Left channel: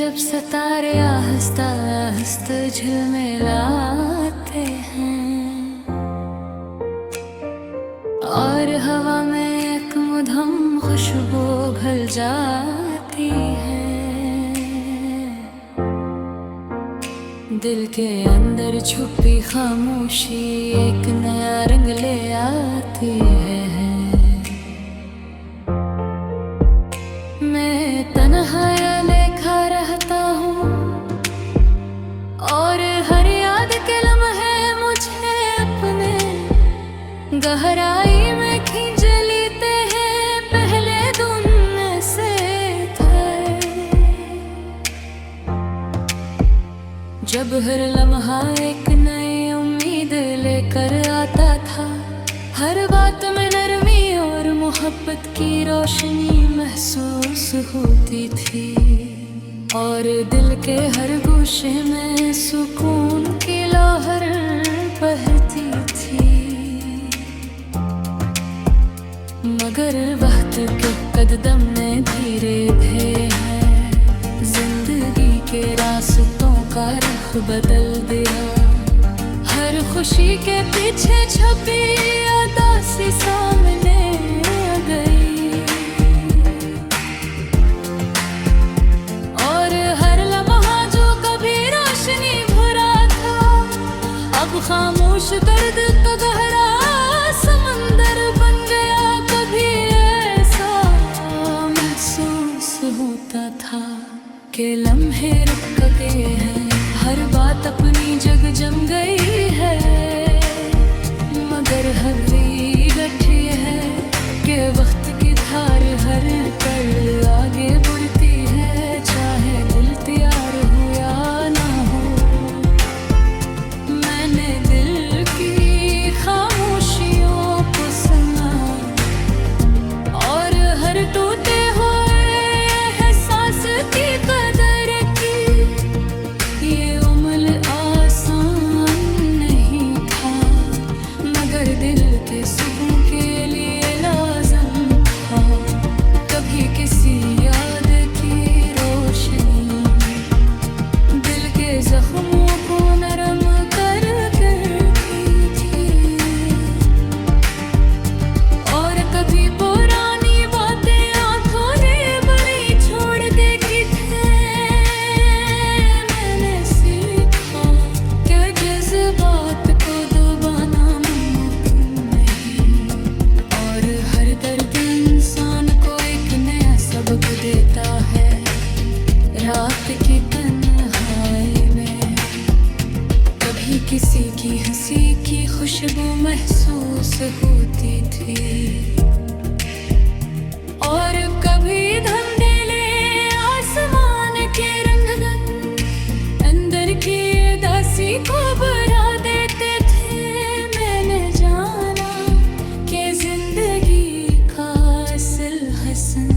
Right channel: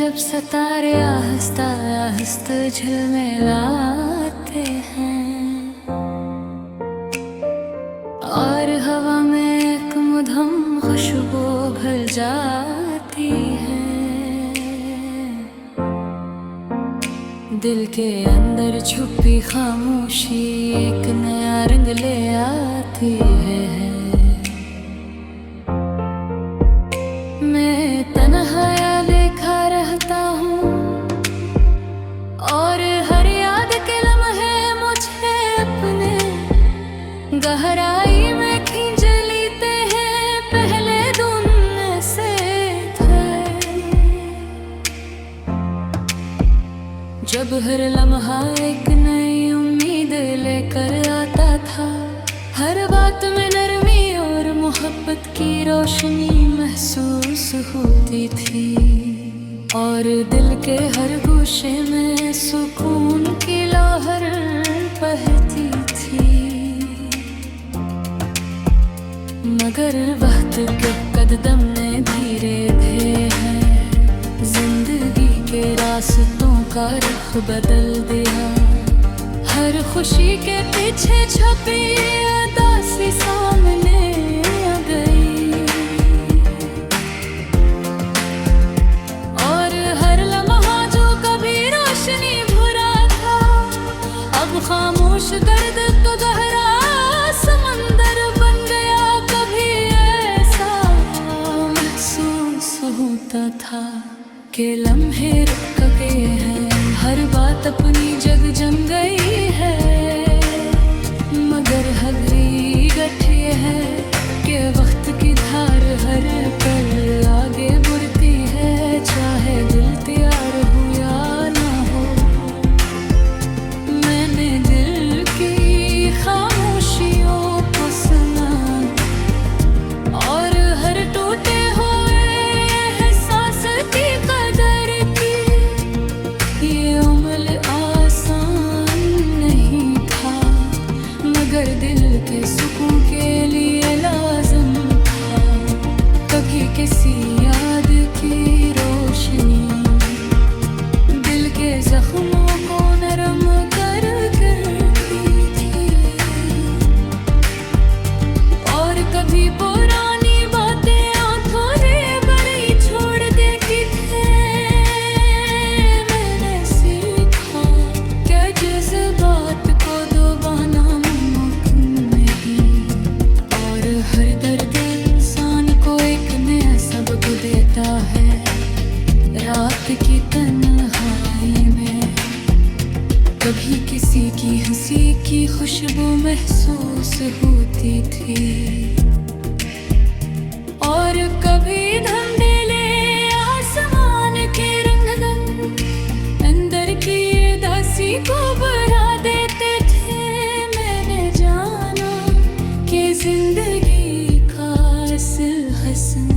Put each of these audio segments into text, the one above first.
जब सितारे आहिस्ता आहिस्ता झिलमिलाते हैं और हवा में एक मधुम खुशबू घुल जाती है, दिल के अंदर छुपी खामोशी एक नया रंग ले आती है। मैं तन्हा लेखा रहता हूँ और हर याद के लम्हे मुझे अपने गहराई में खींच लेते हैं। पहले दिन ऐसे थे जब हर लम्हा एक नई उम्मीद लेकर आता था, हर बात में नरमी और मोहब्बत की रोशनी महसूस होती थी और दिल के हर गोशे में सुकून की लहर बहती थी। मगर वक्त के कदम ने धीरे धीरे जिंदगी के रास्तों का रुख बदल दिया। हर खुशी के पीछे छपी उदासी सामने आ गई और हर लम्हा जो कभी रोशनी भरा था, अब खामोश दर्द का गहरा समंदर बन गया। कभी ऐसा महसूस होता था कि लम्हे रुक गए हैं, हर बात अपनी जग जम गई है। मगर हकीकत ये है कि वक्त की धार हर पल आगे बढ़ती है, चाहे दिल तैयार हो या ना हो। मैंने दिल की खामोशियों को सुना और हर टूटे हुए एहसास की कदर की। ये उम्र आसान नहीं था मगर दिल के सुकून के लिए लाज़िम था। कभी किसी याद की रोशनी दिल के जख्मों को नरम कर करती थी और कभी पुरानी बातें आंखों रे बड़ी छोड़ देती थे। मैंने सीखा कि जज्बात को दबाना मुमकिन नहीं और हर दर्द इंसान को एक नया सबक देता है। रात की तन्हाई में कभी किसी की हंसी की खुशबू महसूस होती थी और कभी धुंधले आसमान के रंगन अंदर की उदासी को बढ़ा देते थे। मैंने जाना कि जिंदगी का असल हसन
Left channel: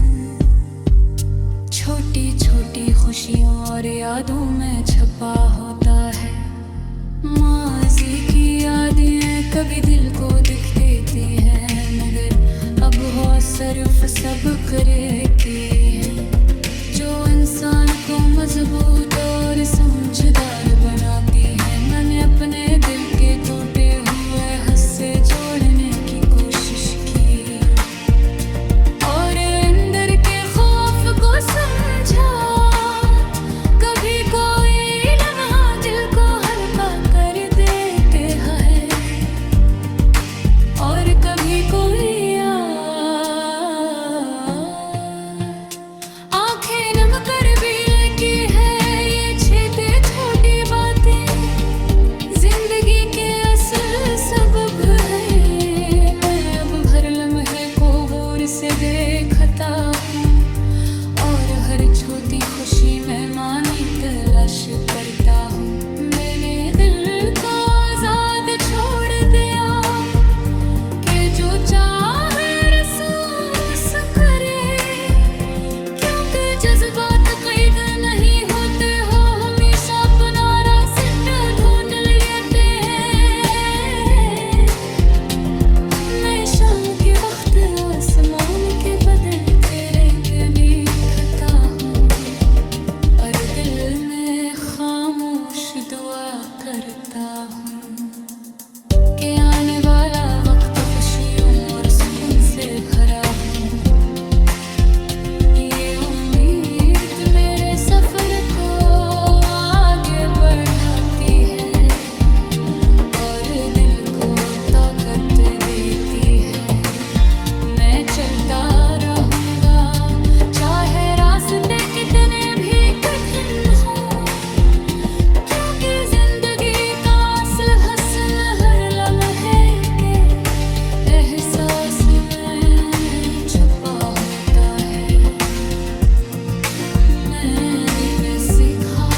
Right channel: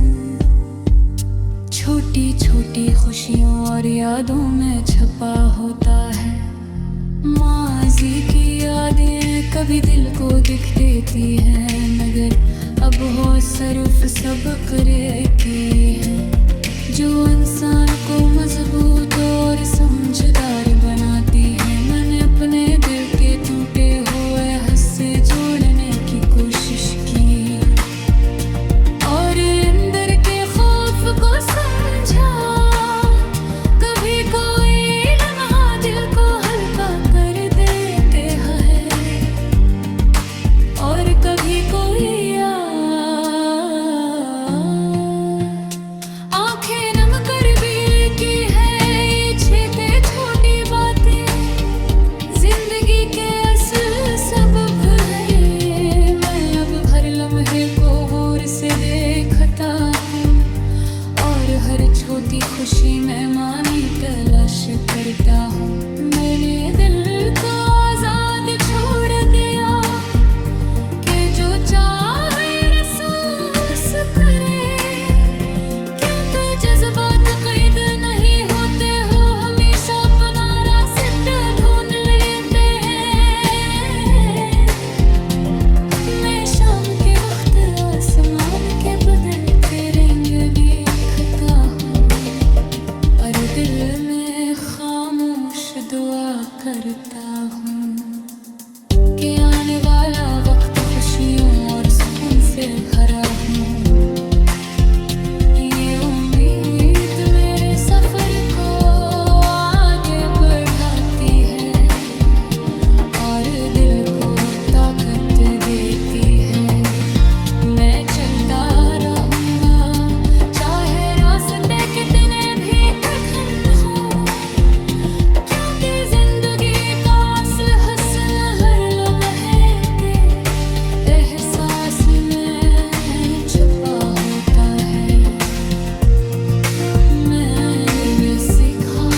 छोटी छोटी खुशियों और यादों में छपा होता है। माजी की यादें कभी दिल को दुख देती हैं मगर अब हो सिर्फ सबक की है जो इंसान को मजबूत और समझदार बनाती है। मैंने अपने दिल के टूटे हुए हिस्से जोड़ने की कोशिश की और अंदर के खौफ को समझा। कभी कोई लम्हा दिल को हल्का कर देते हैं और कभी कोई आंखें नम कर भी की है। ये छेते छोटी बातें जिंदगी के असल सबब है। मैं अब हर लम्हे को गौर से देखता हूँ और हर छोटी खुशी में मानी तलाश करता हूँ। मैंने दिल को आजाद छोड़ दिया कि जो चाहे महसूस करे, क्योंकि जज्बात कैद नहीं होते हो, हमेशा अपना रास्ता ढूंढ लेते हैं। मैं शाम के वक्त आसमान के बदलते रंग देखता हूँ और करता हूँ कि आने वाला वक्त खुशियों और सुकून से भरा हूँ। ये उम्मीद मेरे सफर को आगे बढ़ाती है और दिल को ताकत देती है। मैं चलता रहूँगा चाहे रास्ते कितने भी कठिन हो, क्योंकि जिंदगी का असल हसन हर लम्हे के एहसास में छुपा होता है। मैंने सीखा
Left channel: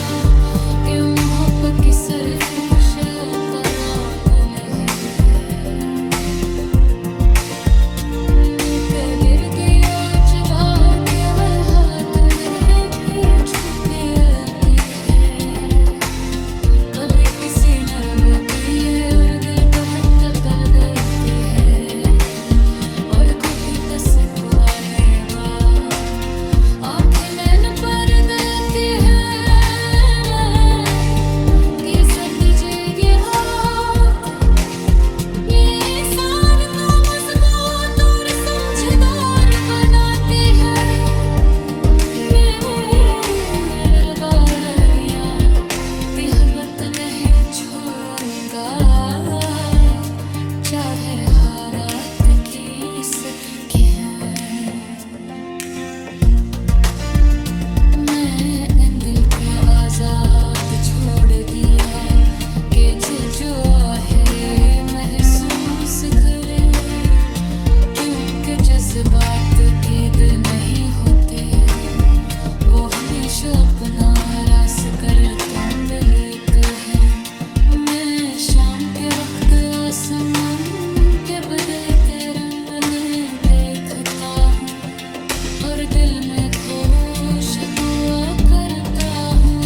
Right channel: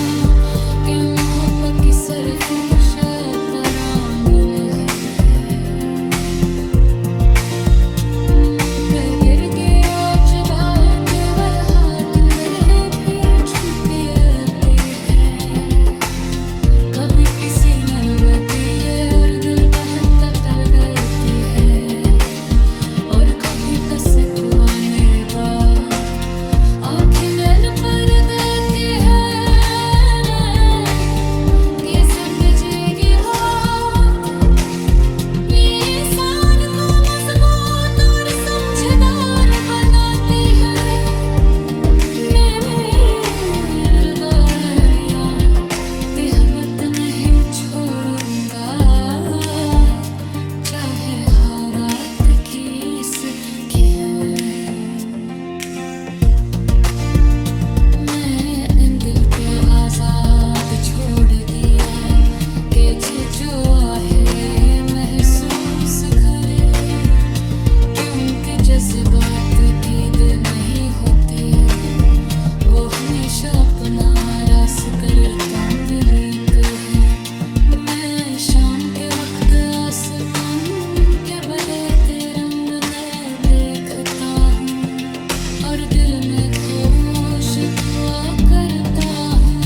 कि मोहब्बत की सिर्फ खुशी तरामल है। मुँह पे गिर गया चुदार केवल हाथ गले भी छूते है। कभी किसी नरम पिए और दिल को हल्का तल गई है, और कभी दस पुराने बात आँखें नैन पर देती है। ये सतजेगी बात ये इंसान को मजबूत और समझदार बनाती है। मेरे बालिया बेहबत नहीं छोड़ूंगा, चाहे हालात किसके हैं। मैं इन दिल के आजाद छोड़ दिया कि जो आहे महसूस करे, क्योंकि जज्बात कैद नहीं होते, वो हमेशा अपना रास कर तोड़ लेते हैं। मैं शाम के वक्त आसमान के बदलते रंग में देखता हूँ और दिल में खुश दुआ करता हूँ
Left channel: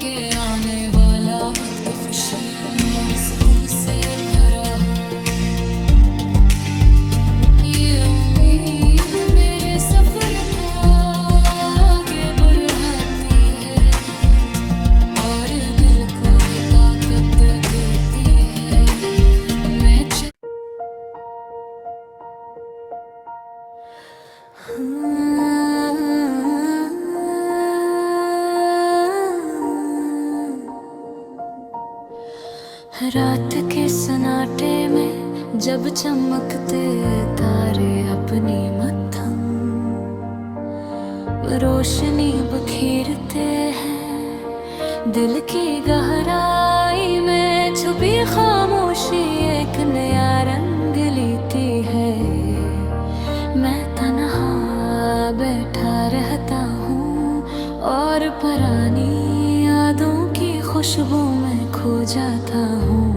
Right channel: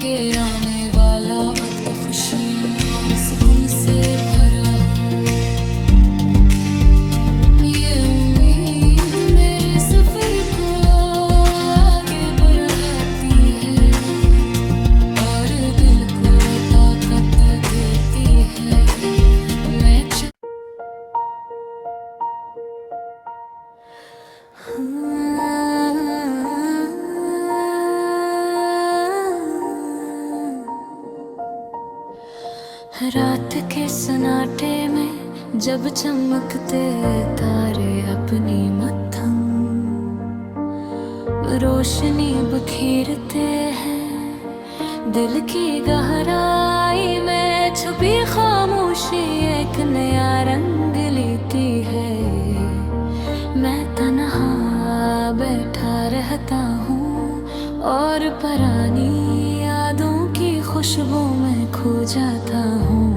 कि आने वाला वक्त खुशियों और सुकून से भरा हो। ये उम्मीद मेरे सफर को आगे बढ़ाती है और दिल को ताकत देती है। मैं रात के सन्नाटे में जब चमकते तारे अपनी मद्धम रोशनी बखेरते हैं, दिल की गहराई में छुपी खामोशी एक नया रंग लेती है। मैं तन्हा बैठा रहता हूँ और पुरानी यादों की खुशबू में खो जाता हूँ।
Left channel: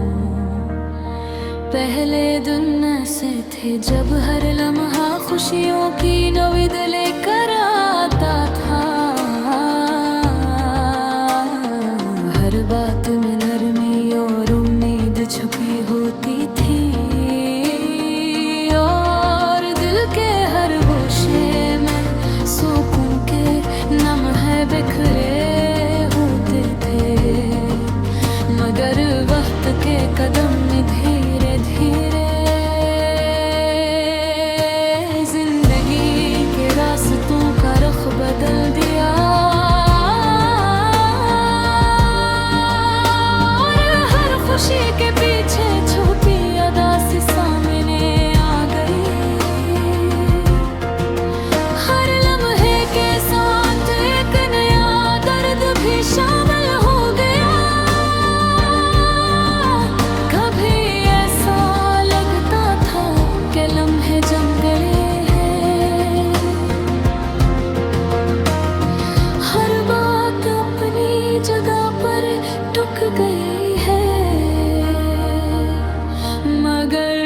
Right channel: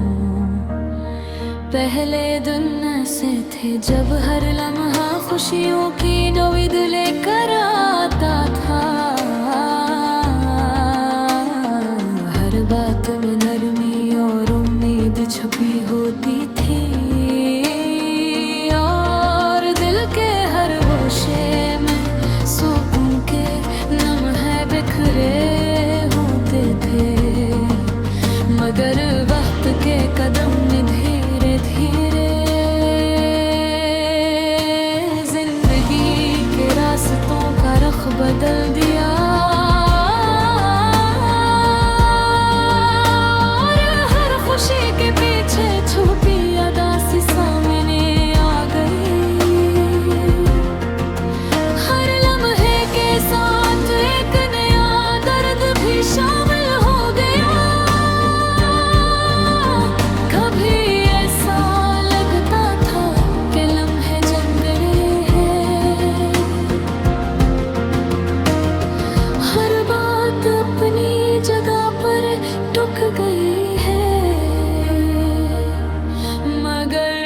पहले दिन ऐसे थे जब हर लम्हा खुशियों की नवीद लेकर आता था। हर बात में नरमी और उम्मीद छुपी होती थी, और दिल के हर गोशे में सुकून के लम्हे बिखरे होते थे। मगर वक्त के कदम ने धीरे धीरे जिंदगी के रास्तों का रुख बदल दिया, और हर खुशी के पीछे छुपी अदा सी सामने आ गई। हर लम्हे के साथ एक नया दर्द भी शामिल हो गया। कभी ऐसा लगता था कि लम्हे जम गए हैं, हर बात अपनी जगह पर टुक गई है। मगर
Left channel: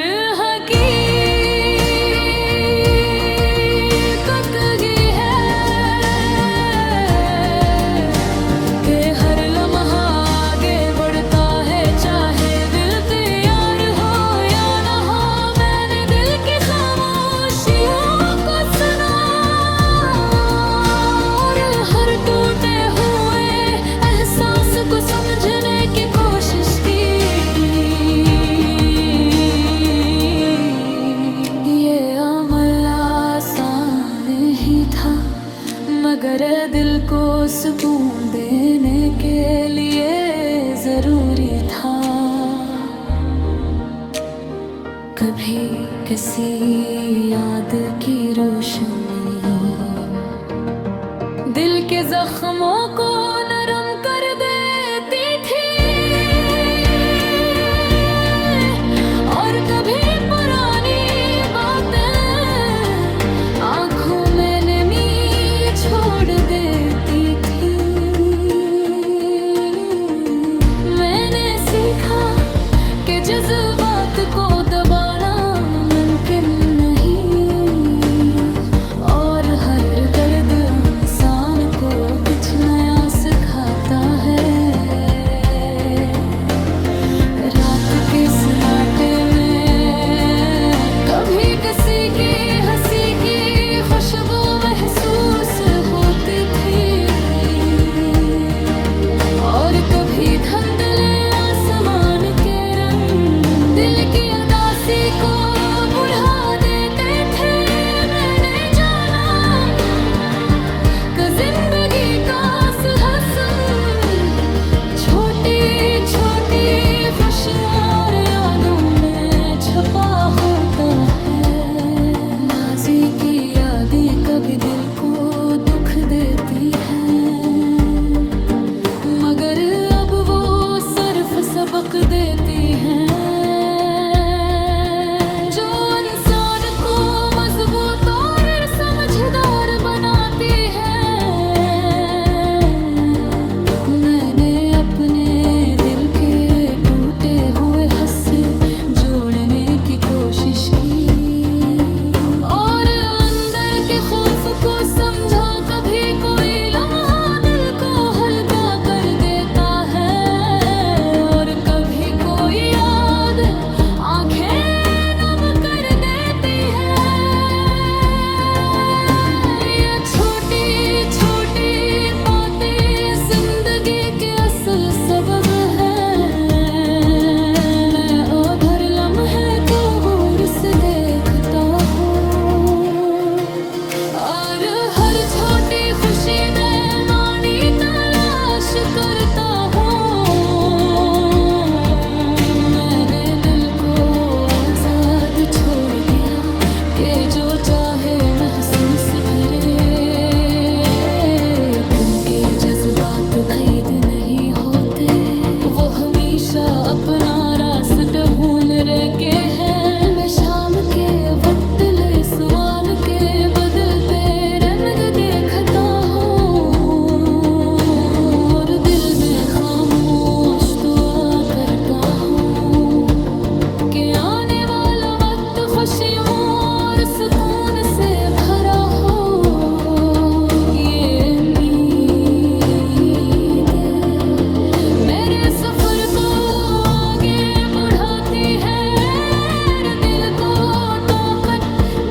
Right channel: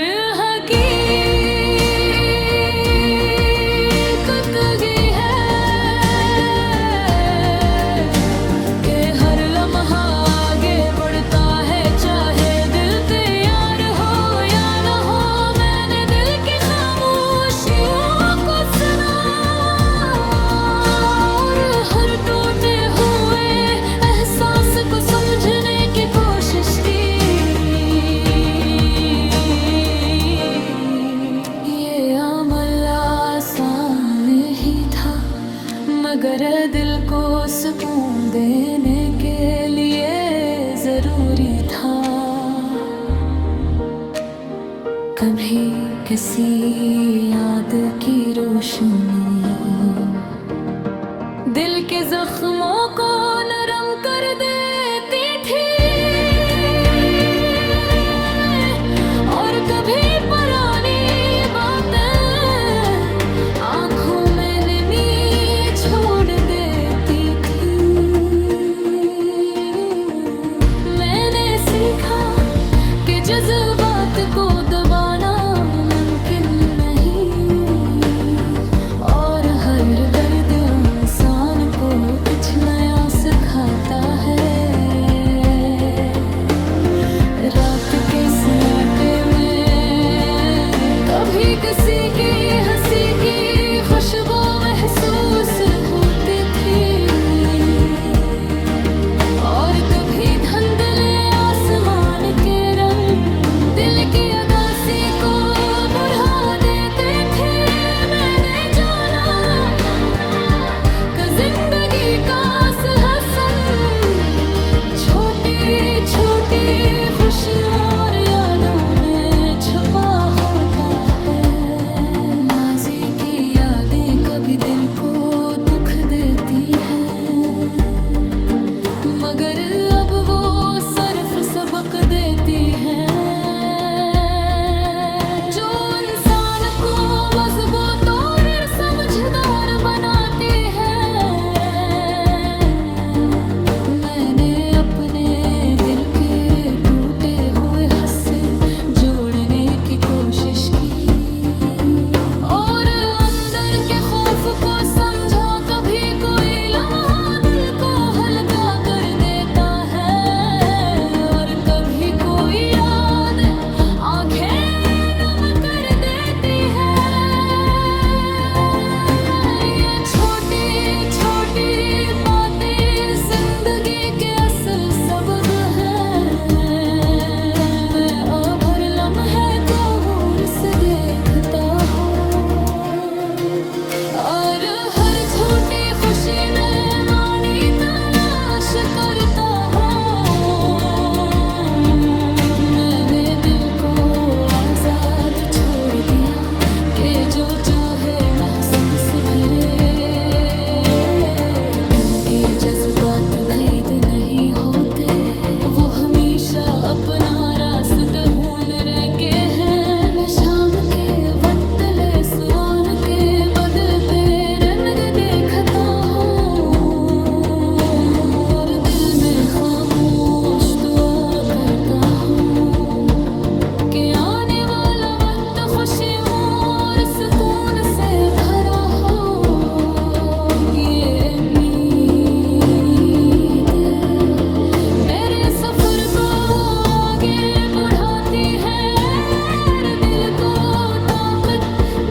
मगर दिल को सुकून देने के लिए जरूरी था कभी किसी याद की रोशनी दिल के जख्मों को नरम कर देती थी और कभी पुरानी बातें आंखों में नमी छोड़ देती थी। मैंने सीखा कि जज्बात को दबाना मुमकिन नहीं और हर दर्द इंसान को कुछ नया सिखाता है। रात के सन्नाटे में कभी किसी की हंसी की खुशबू महसूस होती थी और कभी धुंधले आसमान के रंग दिल की उदासी को बढ़ा देते थे। मैंने जाना कि जिंदगी का असल हसन छोटी छोटी खुशियों और यादों में छुपा होता है। माज़ी की यादें कभी दिल को दुख देती हैं मगर अब वो सिर्फ सबक देती हैं जो इंसान को मजबूत और समझदार बनाती है। मैंने अपने दिल के टूटे हुए हिस्से जोड़ने की कोशिश की और अंदर के खौफ को समझा। कभी कोई लम्हा दिल को हल्का कर देता है और कभी कोई याद आंखें नम कर देती है। ये छोटी छोटी बातें जिंदगी के असल सबक हैं। मैं अब हर लम्हे को गौर से देखता हूँ और हर छोटी खुशी में मानी तलाश करता हूँ। मैंने दिल को आजाद छोड़ दिया कि जो चाहे महसूस भरे क्योंकि जज्बात खरीद नहीं होते वो हमेशा अपना रास्ता ढूंढ रखे हैं। मैं शाम के वक्त ले सुवान के बदलते रंग देखता हूँ और दिल में खामोश दुआ करता हूँ कि आने वाला वक्त खुशियों और सुकून से भरा हो। ये उम्मीद मेरे सफर को आगे बढ़ाती है और दिल को ताकत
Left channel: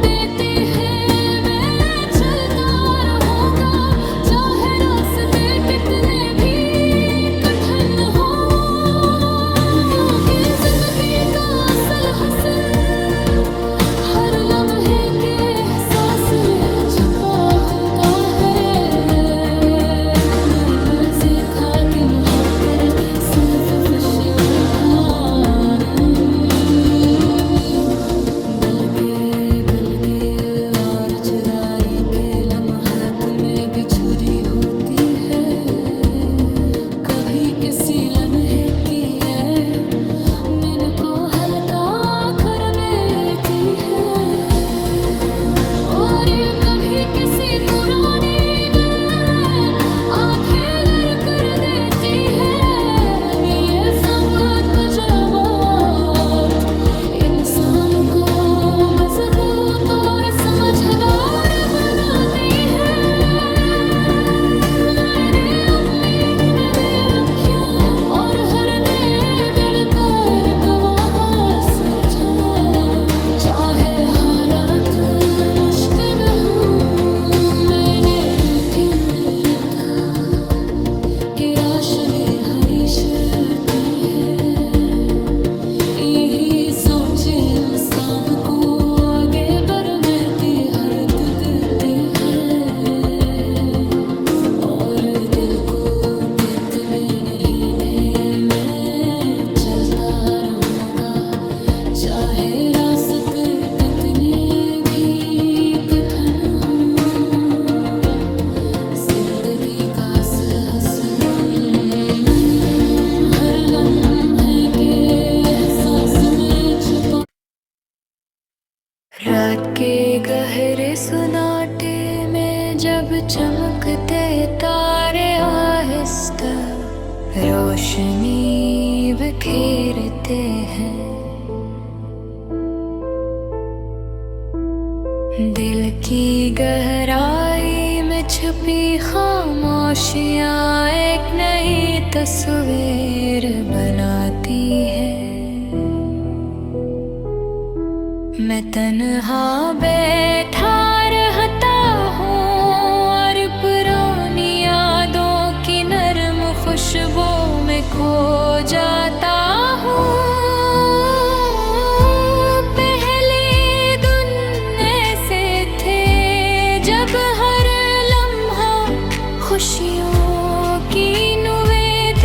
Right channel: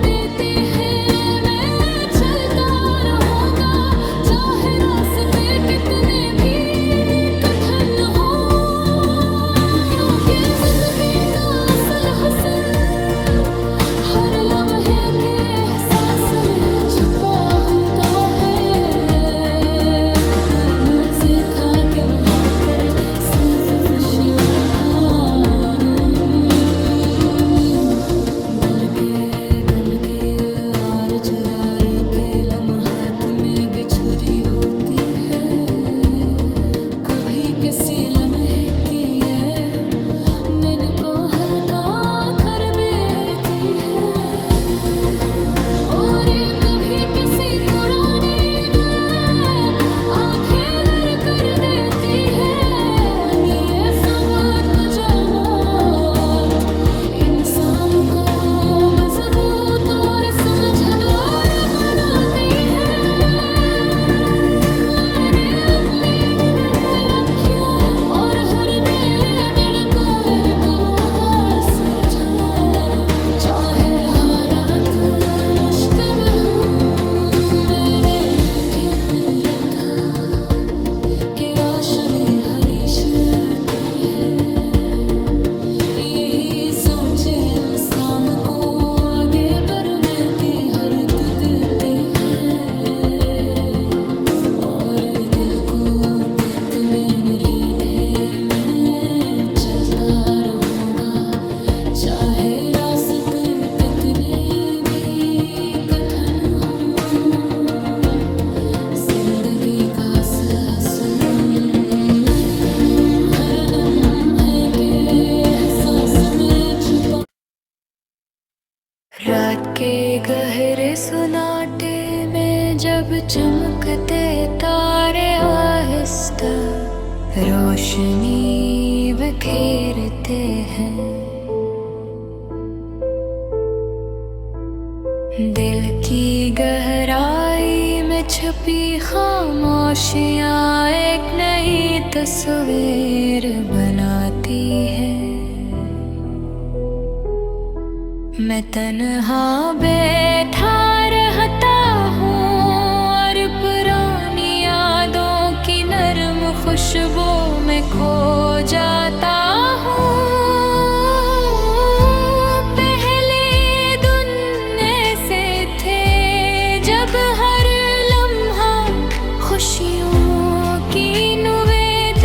देती है। मैं चलता रहूंगा चाहे रास्ते कितने भी कठिन हो क्योंकि जिंदगी का असल हसन हर लम्हे के एहसास में छुपा होता है। मैंने सीखा कि मोहब्बत सिर्फ खुशियों का नहीं बल्कि और चरारी के लम्हात में छुरी होती है। कभी किसी लम्हे की है मन को हल्का कर देती है और कभी किसी पुरानी बात आंखें नर कर देती है। ये सब तजुर्बात इंसान को मजबूत और समझदार बनाती है। मैंने अपनी नन्हे लम्हों और हर नए दिल का एक वहाँ समझा चाहे हालात मुश्किल हों। मैंने यकीन रखा कि राशि हरीश की है। यही सोचे इंसान को आगे बढ़ने की हरत देती है। पे कितने भी कथन हो, जिंदगी का हसन हर लम्हे के एहसास में छुपा। रात के गहरे सुनाटे में जब चमकते तारे आहिस्ता रोशनी बिखेरते हैं, दिल की गहराई में छुपी खामोशियाँ एक नई तस्वीर बनाती है। मैं तन्हा बैठा रहता हूँ और पुरानी यादों की नरम खुशबू में खो जाता हूँ। पहले दिन ऐसे थे जब हर लम्हा खुशियों की निवेदित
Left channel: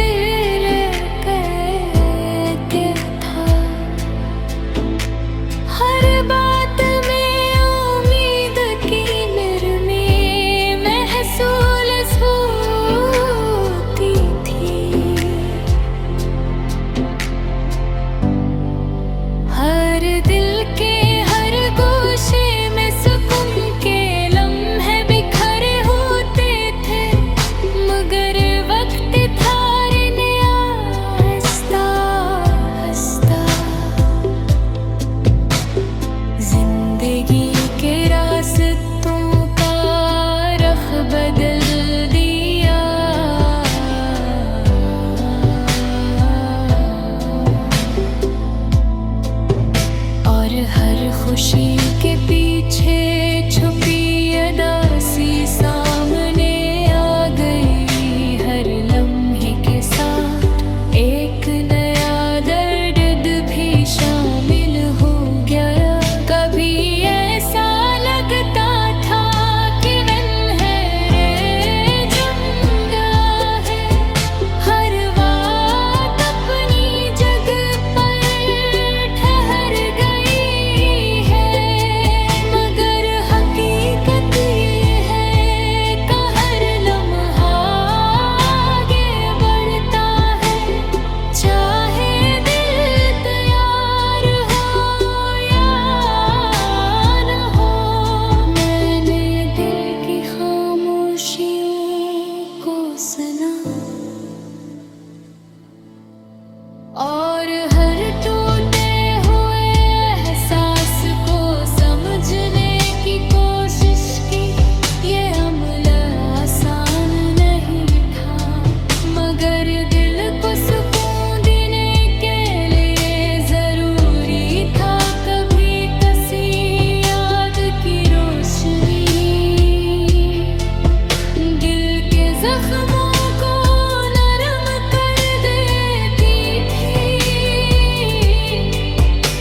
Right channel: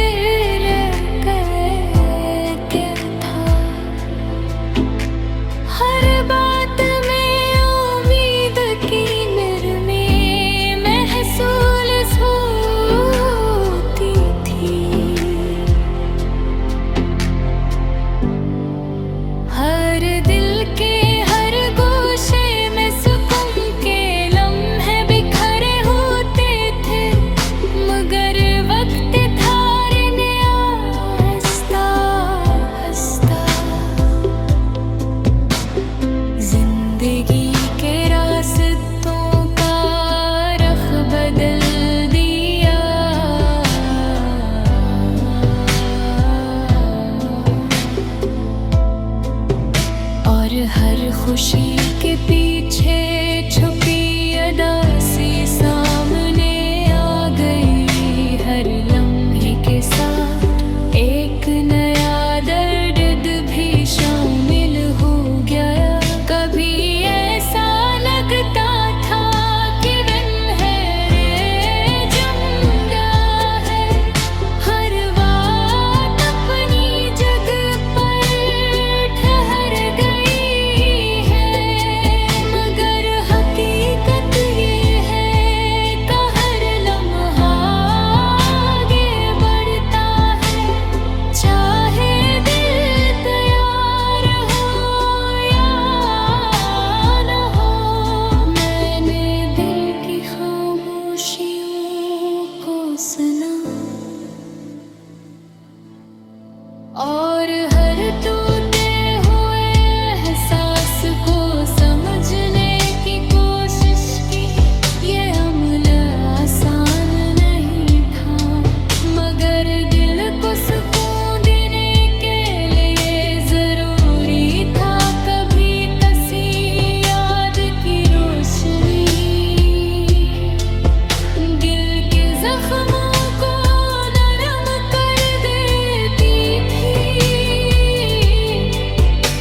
कहते था, हर बात में उम्मीद की नरमी महसूस होती थी। हर दिल के हर गोशे में सुकून के लम्हे बिखरे होते थे, मगर वक्त धारने आहिस्ता आहिस्ता जिंदगी के रास्तों का रख बदल दिया। और हर खुशी के पीछे छुपी अदासी सामने आ गई, हर लम्हे के साथ एक नया दर्द भी शामिल हो गया। कभी ऐसा लगता था कि वन है रे जुम्दा है, हर बात अपनी जगह पर ठहर गई है, मगर हकीकत ये है कि हर लम्हा आगे बढ़ता है, चाहे दिल तैयार हो या न हो। मैंने दिल की खामोशियों को सुना और हर टूटे हुए एहसास को समझने की कोशिश की। ये अमल आसान नहीं था, मगर दिल को सुकून देने के लिए जरूरी था कभी कसी याद की रोशनी दिल के जख्मों को नरम कर देती थी।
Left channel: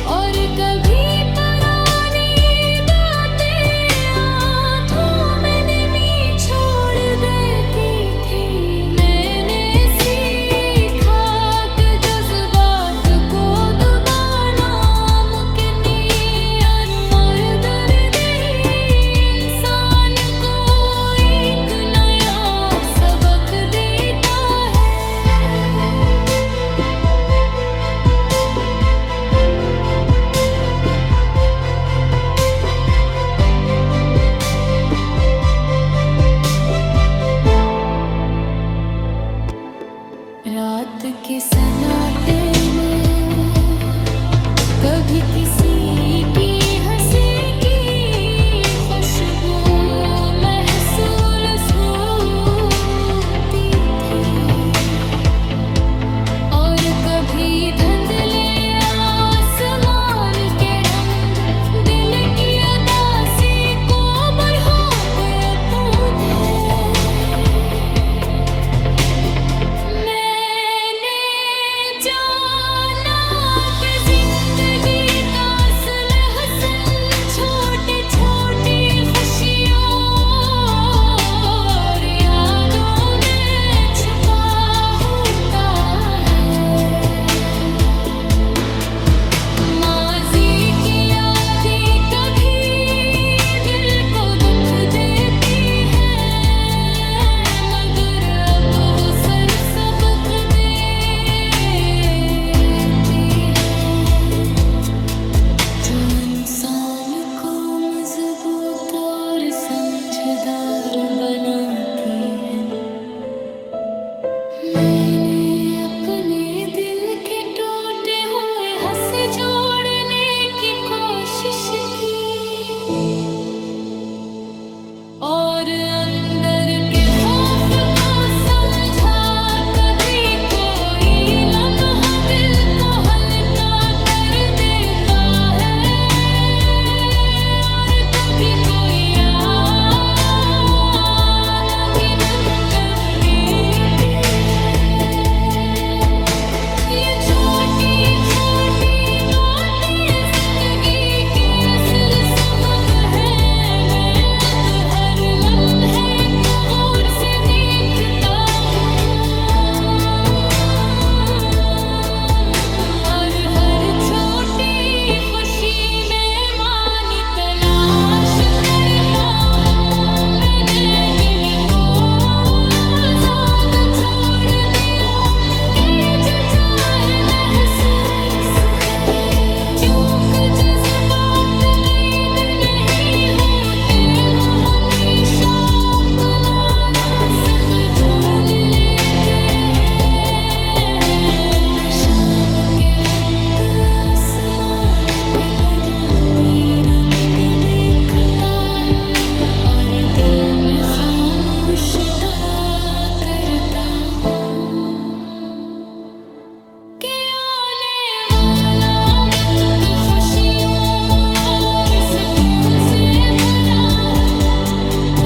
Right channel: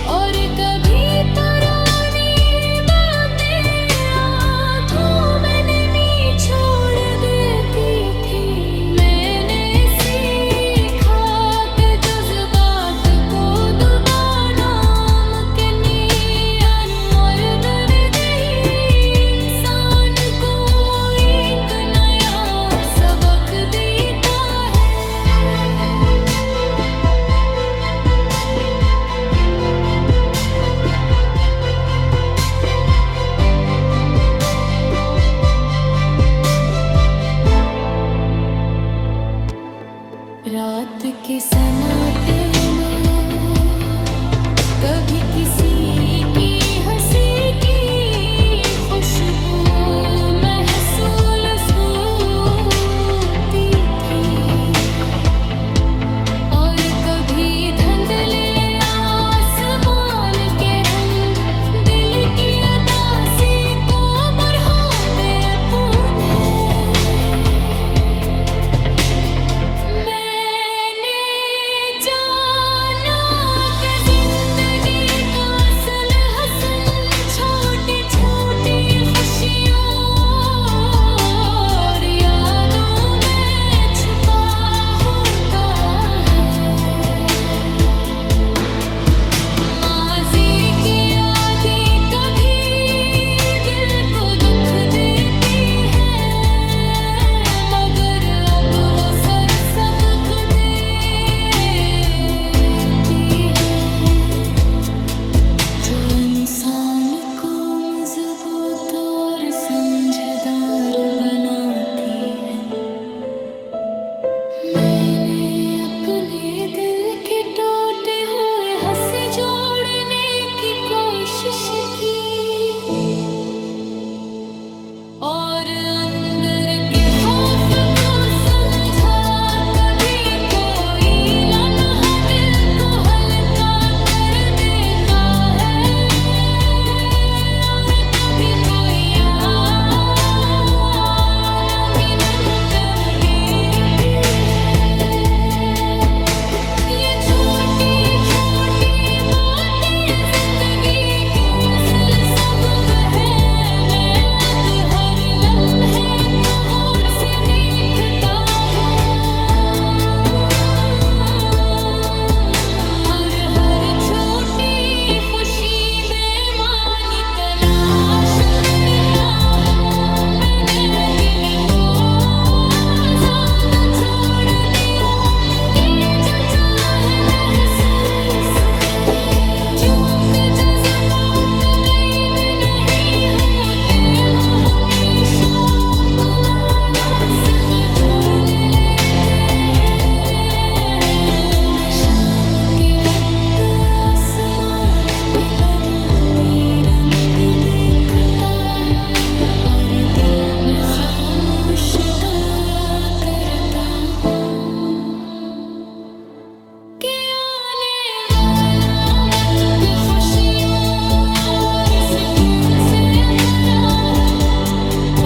और कभी पुरानी बातें आँखों में नमी छोड़ देती थी। मैंने सीखा कि जज्बात को दबाना मुमकिन नहीं, और दर्द ही इंसान को एक नया सबक देता है। रात के सन्नाटे में कभी किसी की हंसी की खुशबू महसूस होती थी, और कभी धुंधले आसमान के रंग दिल की अदासी को बढ़ाते हैं। मैंने जाना कि जिंदगी का इंसान को मजबूत और समझदार बनाती है। मैंने अपने दिल के टूटे हुए हंसे जोड़ने की कोशिश की और अंदर के खौफ को समझा। कभी कोई लम्हा दिल को हल्का कर देता है और कभी कोई याद अंगिनम कर देती है। ये छोटी छोटी बातें जिंदगी के असल सबक है। मैं अब हर लम्हे को गौर से देखता हूँ और हर छोटी खुशी में मानी तलाश करता हूँ। मैंने दिल को आजाद छोड़ दिया कि जो चाहे महसूस करे। चूक जज्बात कैद नहीं होते, वो हमेशा अपना रास्ता ढूंढ लेते हैं। मैं शाम के वक्त आसमान के बदलते रंग देखता हूँ और दिल में खामोश दुआ करता हूँ कि आने वाला वक्त खुशियों और सुकून से भरा हो।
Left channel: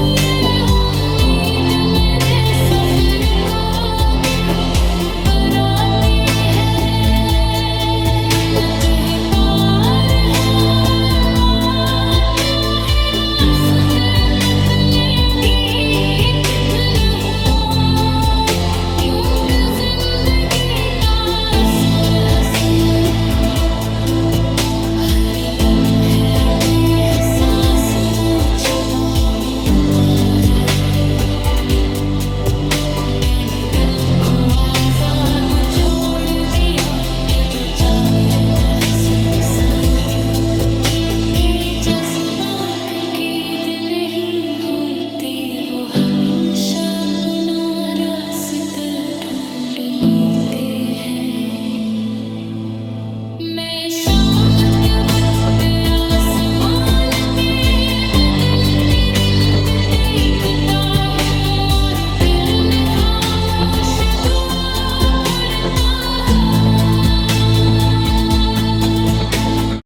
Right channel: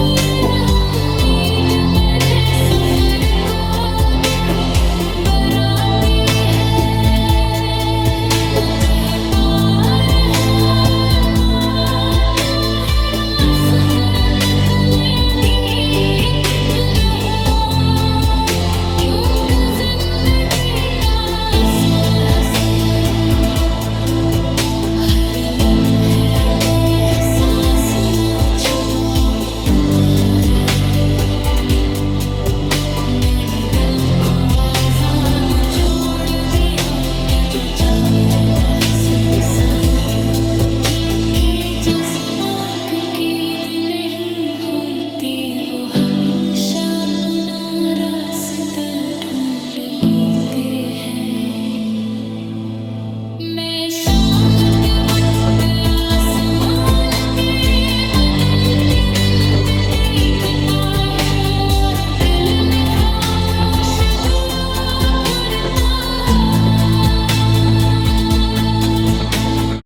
ये उम्मीद मेरे सफर को आगे बढ़ाती है। न कहीं पार है क्या है रास्ते बदले भी किधर हो। यूं कि जिंदगी का असल हसन हर लम्हे के एहसास में छपा होता है। मैंने दिल को आजाद छोड़ दिया कि जो चाहे महसूस है। के जज्बात कैद नहीं होते, वो हमेशा अपना रास्ता ढूंढ लेते हैं। मैं शाम